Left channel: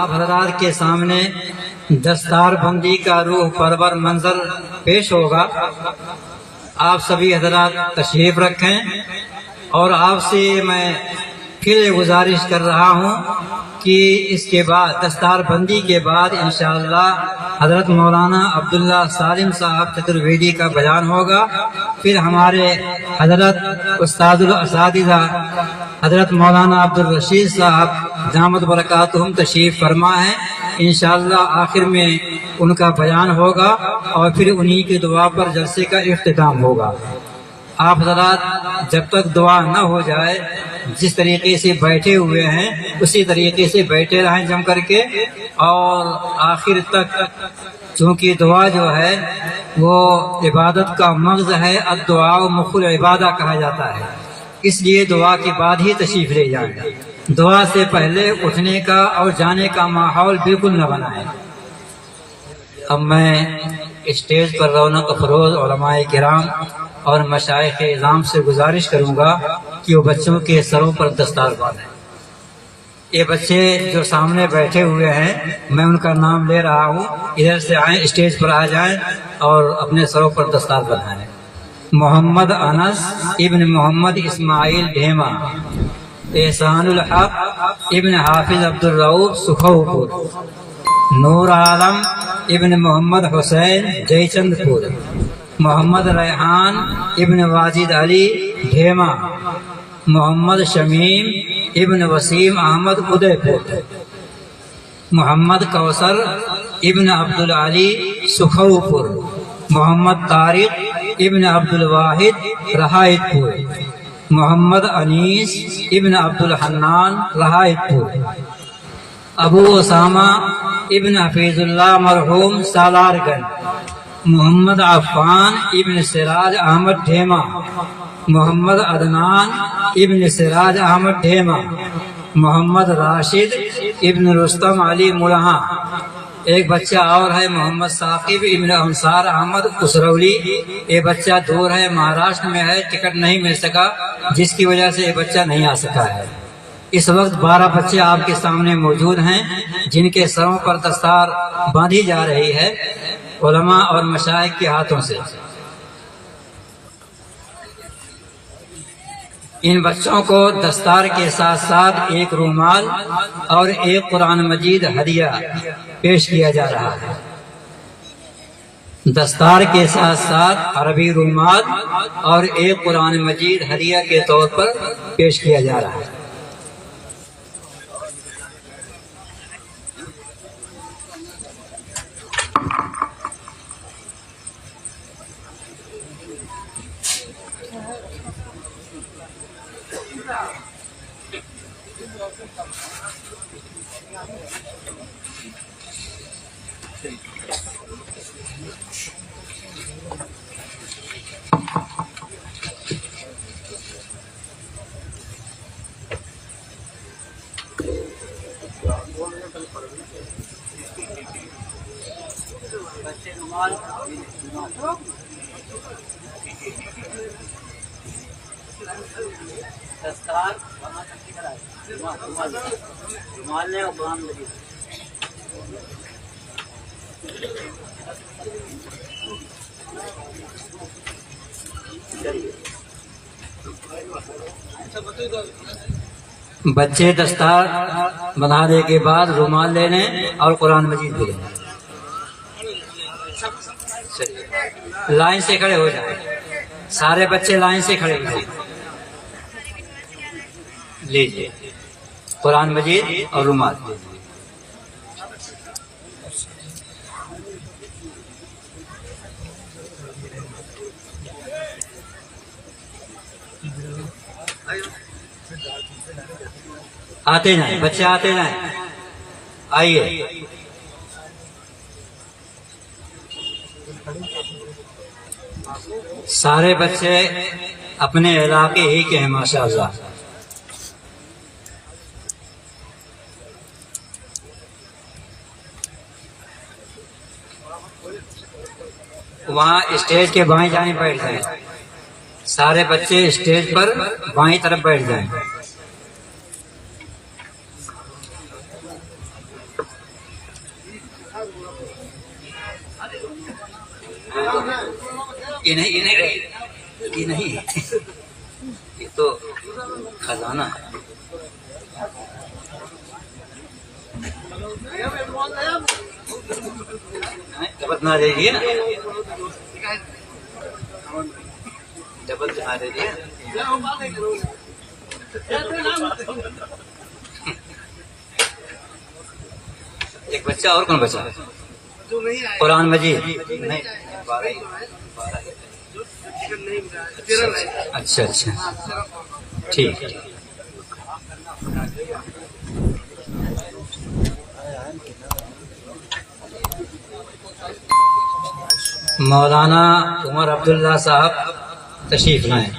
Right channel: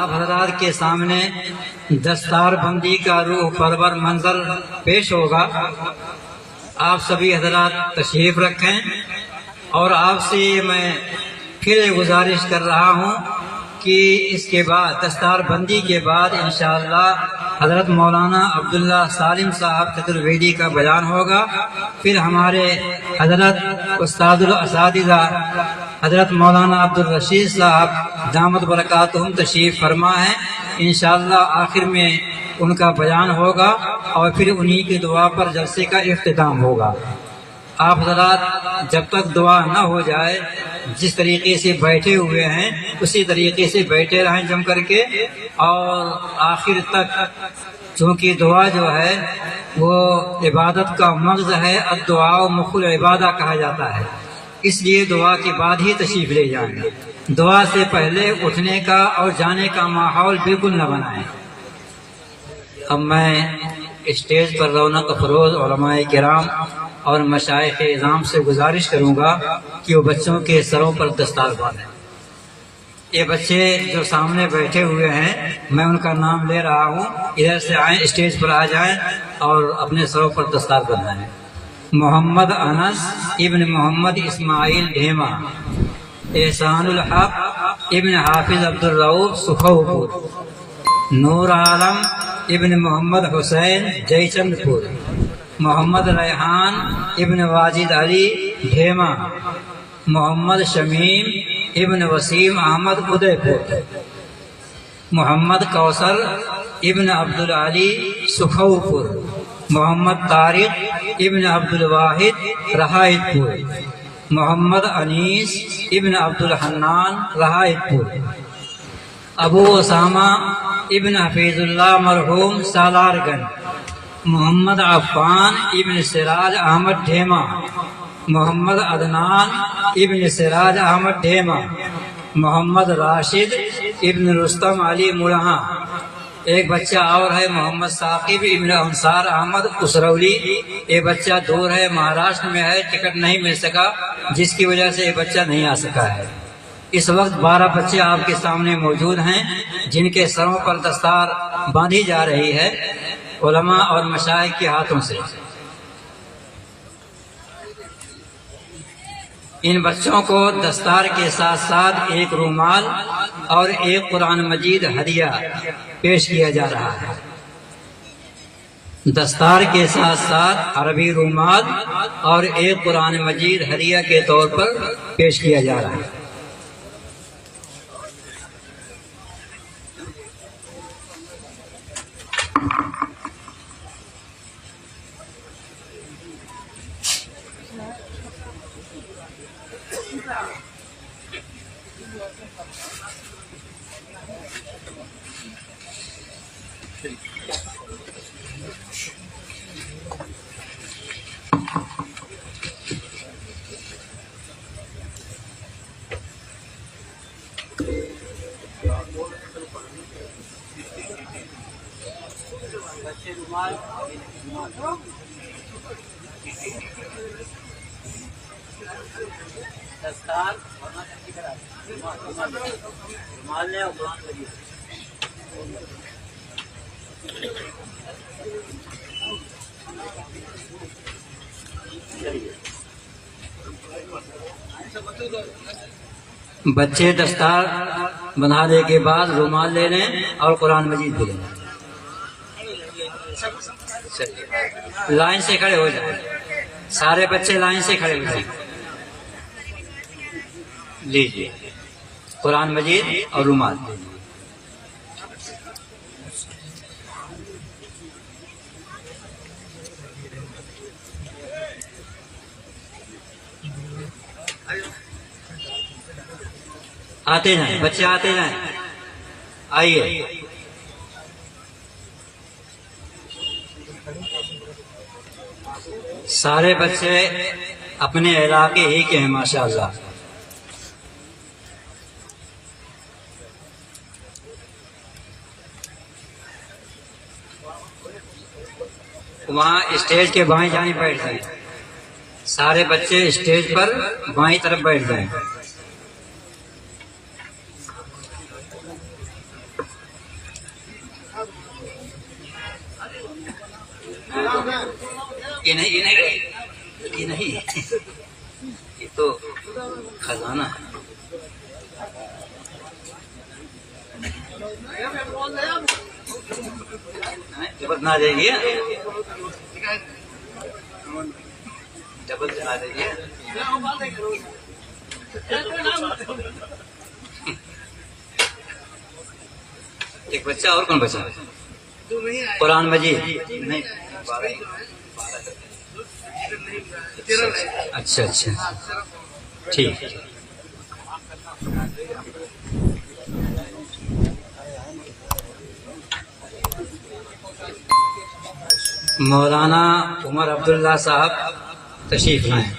आप हजरात के सामने दस्तार बंदी का रूह परवर मंजर पेश होगा। आप सभी हजरात तशरीफ रखें और आपसे मैं फिर गुजारिश कर रहा हूँ कि इसके बाद दस्तार बंदी के बाद इंशाअल्लाह हजरत मौलाना अब्दुल्ला सालिम साहब चतुर्वेदी का बयान होगा। फिर हमारे हजरत उस्तादुल असातिज़ा हजरत मौलाना अब्दुल रशीद साहब दामद बरकातुहुम तशरीफ फरमा है। इंशाअल्लाह आखिर में उनका बयान होगा और फिर उन्हीं की दुआ पर जलसे का इख्तिताम होगा। आप हजरात जब तक दुआ न हो जाए जिस तरीके से बैठे हुए हैं उसी तरीके से बैठे रहें जम करके, और आखिर तक, क्योंकि दुआ जो है वो इबादत का मग़ज़ है। अद्दुआ मुख़ुल इबादा कहा जाता है, इसलिए दुआ के बाद ही तशरीफ ले जाएंगे। दुआ से पहले उठने का और जाने का माहौल बिल्कुल न बनाए। अब मैं स्टेज पर रौनक अफरोज उलमाए किराम और मशाइख इज़ाम से गुजारिश करूंगा कि वो बच्चों के सरों पर दस्तार बांधें। ये बच्चे जो सामने बैठे हुए हैं मैं उनका नाम ले रहा हूँ, इधर से आए, स्टेज पर आ जाएं और अपने सरों पर दस्तार बांधें। मोहम्मद अनस इब्न मोहम्मद इस्माइल ढेमा, एहसानुल हक इब्न हाफिज अब्दुल रऊफ सुखौपुर, नूर आलम इब्न मोहम्मद हुसैन जयचंदपुर, मोहम्मद रेहान इब्न वाजिद अली ढेमा, मोहम्मद शमीम इब्न वसीम अहमद उदयपुर, मोहम्मद कौसर इब्न अब्दुल अली सुखौपुर, मोहम्मद तारिक इब्न अब्दुल वाहिद रहायतपुर, मोहम्मद अनीस इब्न अब्दुल हन्नान रहायतपुर, अबू उसामा इब्न हफीजुल्लाह मरहूम सालारगंज, मोहम्मद अफ़ान इब्न सिराज अहमद ढेमा, मोहम्मद अदनान इब्न सिराज अहमद ढेमा, मोहम्मद राशिद इब्न रुस्तम अली मुलहा। एक बच्चा और है मोहम्मद साकिब इब्न अंसार अहमद उसरौली। ये बच्चा दूर है, महाराष्ट्र में है, टिकट नहीं मिल सका जिसकी वजह से ये बच्चा नहीं आ सका है। इस वक्त 12 बच्चे आपके सामने मौजूद हैं जिनके सरों पर दस्तार बांधी जा रही है उलमा और मशाइख के हाथों से। इन बच्चों को दस्तार के साथ साथ एक रुमाल और एक कुरान मजीद हदिया पेश किया जा रहा है। दस्तार के साथ साथ अरबी रुमाल और एक कुरान मजीद हदिया के तौर पर पेश किया जा रहा है। दस्तार रुमाल और कुरान मजीद। बच्चे दस्तार बनाने के बाद रुमाल ले लें और कुरान मजीद भी लें। लाइन से खड़े हो जाए, सारे बच्चे लाइन से खड़े हो जाए। लीजिए कुरान मजीद और रुमाल। आते जाएं बच्चे, आते जाएं, आइए। सारे बच्चे अपने इलाके ही के हैं माशाअल्लाह। वहाँ स्टेज के बाएं जाएं बैठ जाएं, सारे बच्चे स्टेज पर बाएं तरफ बैठ जाएं। ये नहीं, ये नहीं, ये नहीं, ये तो खजाना है। डबल बना दीजिए, डबल बना दीजिए। एक बच्चा और कौन बचा? कुरान मजीद नहीं, अच्छा अच्छा, ठीक। मौलाना उमर अब्दुल्ला साहब तशरीफ लाएं।